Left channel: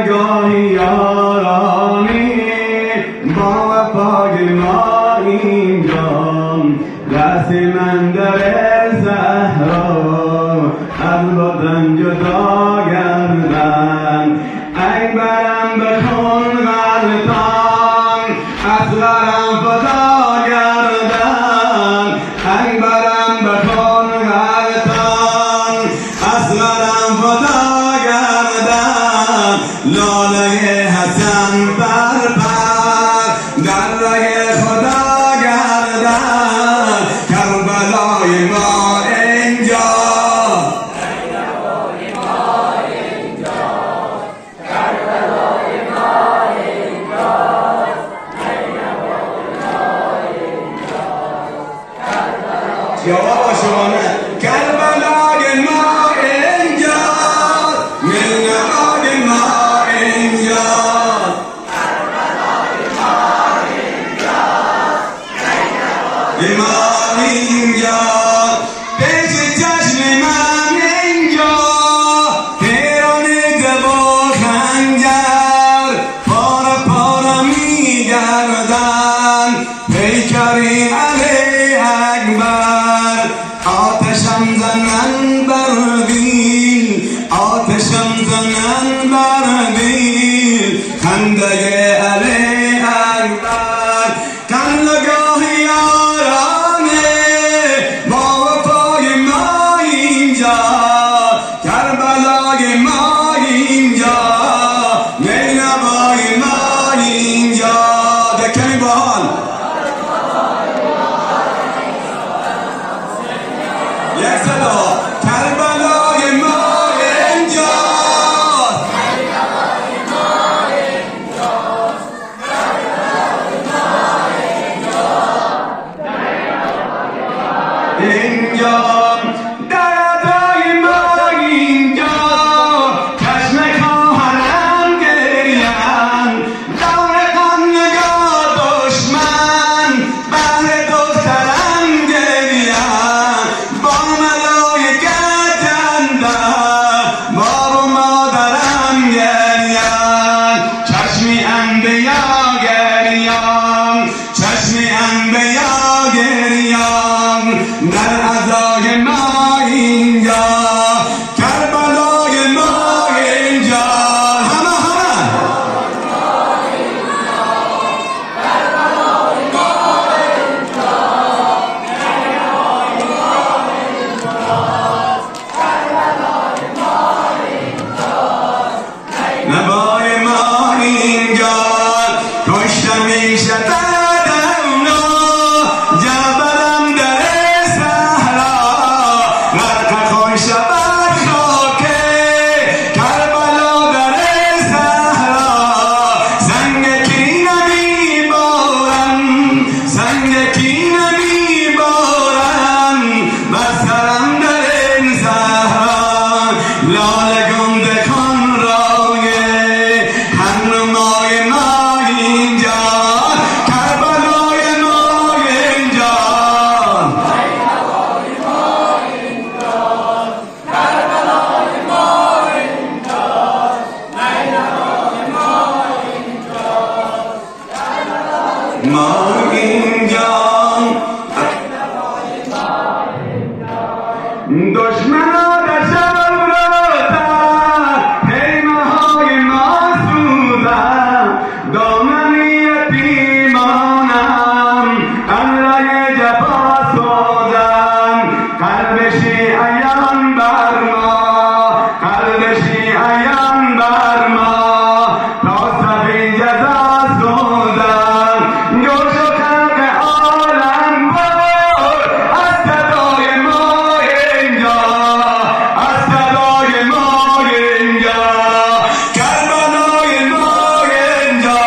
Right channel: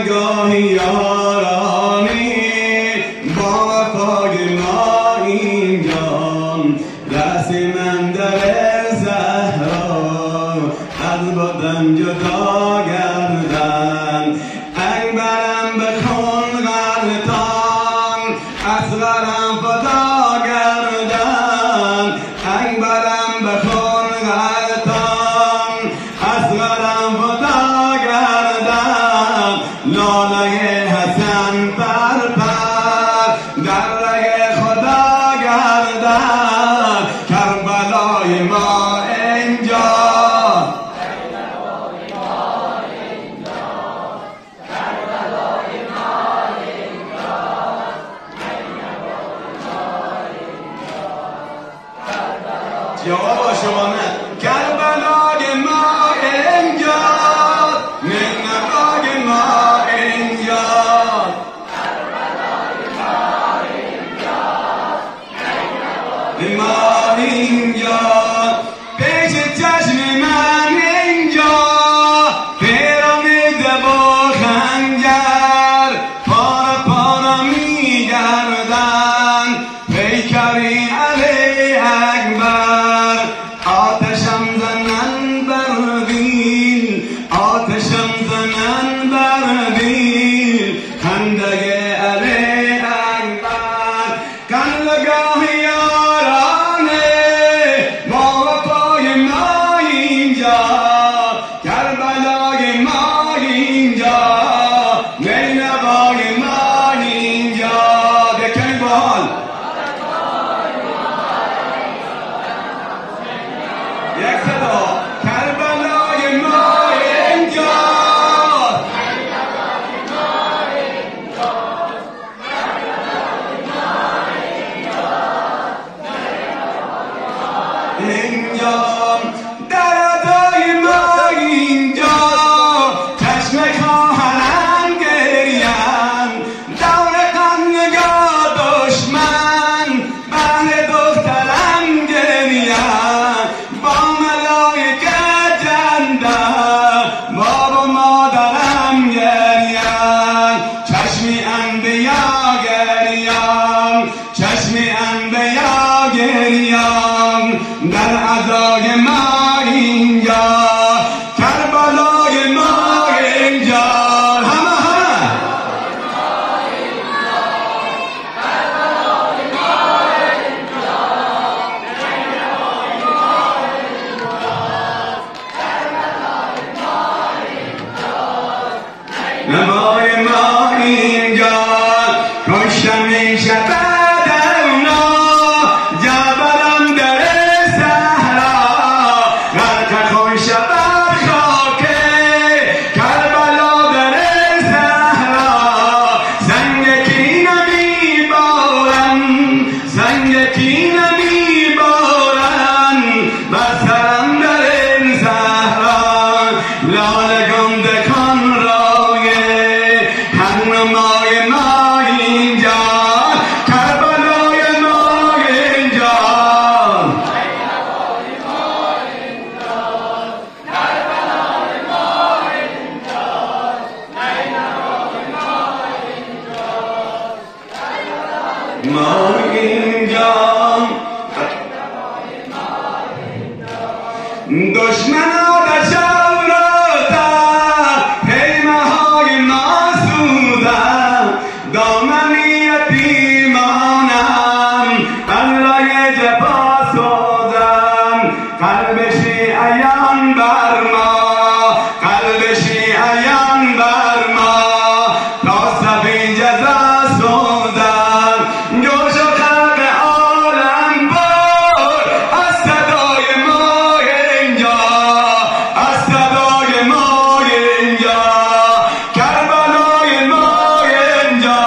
نگاهی یارانی با وفای ما اینجا رسی من در زهرا از بدن جدا گردن اکبرم بکن غلطان اصغرم فدا گردن اکبرم بکن غلطان اصغرم فدا گردن لاله حسن پر پر در رگ خدا گردن کربلای ما اینجا جواب شما نه کربلای ما اینجا نینوای ما اینجا کربلای ما اینجا ما اینجا پیش چشم من اینجا پیرامید با خنجر پارا پارا میگردن پیکریم علی اکبر آتشم زنن بر دل آتشم زنن بر دل خنده علی اکبر کلگاه یارانه با وفای ما اینجا کربلای ما اینجا مینوای ما اینجا دکنی بال یک صدا کربلای ما اینجا اینجا دردای ما اینجا چشم خواهرم گریم دور غم نگاه دشمن بهر دخترم گریم با ملائکت اندر باب و مادرم گریم چشمی انبیا گریم چشمی انبیا گریم در عزای ما اینجا کربلای ما اینجا همه نوای ما اینجا کشتم این شبه اونا جبرم در صحرا غرق خون شبه خاکه کربلا در صحرا سنگ کینه میبارن سنگ کینه میبارن بر سرم در این صحرا لاله گنده کن رایه هنمای ما اینجا کربلای ما اینجا ما اینجا دشمنا دشم رو در پیمه های ما سوزم دامنی یتیمانم الله جفا سوزم قلبشی عیان بر ما قلبشی عیان بر ما تا سبی جزا سوزم جوش و خلق عالم بر از صدای ما اینجا از صدای ما اینجا کربلای ما اینجا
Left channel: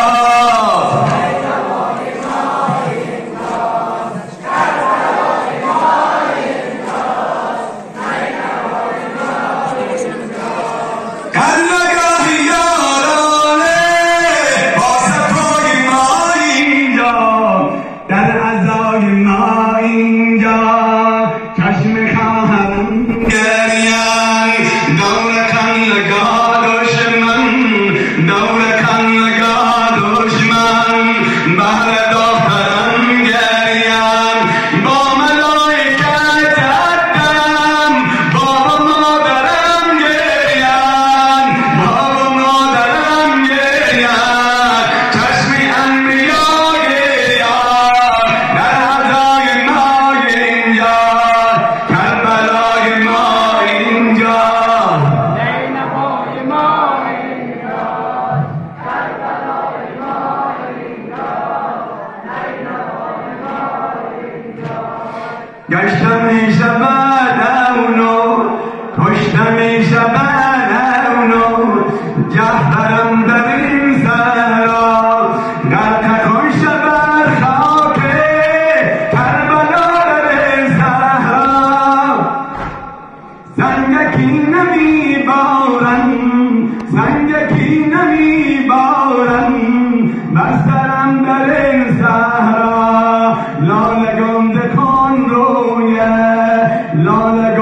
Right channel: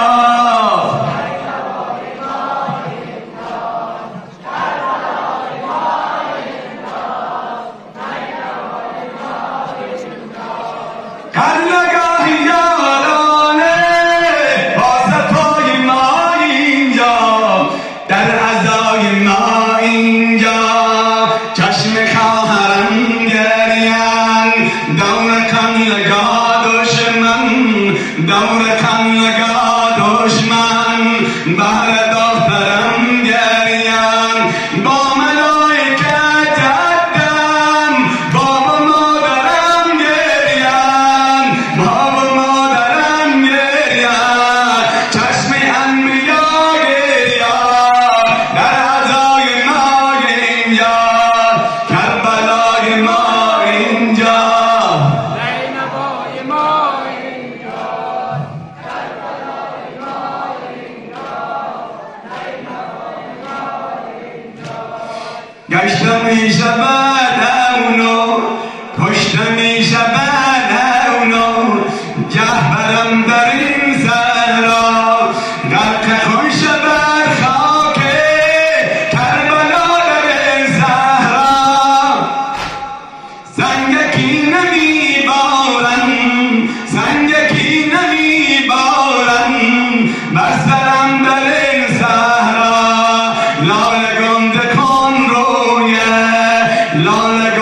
گشتم این شبت اونو کشتم این شبت اونو جهبرم در این صحرا غرق خون شبت خاک کربلا در صحرا سنگکی نمیبارن سنگکی نمیبارن بر سرم در این صحرا لاله گنده کن رویه لاله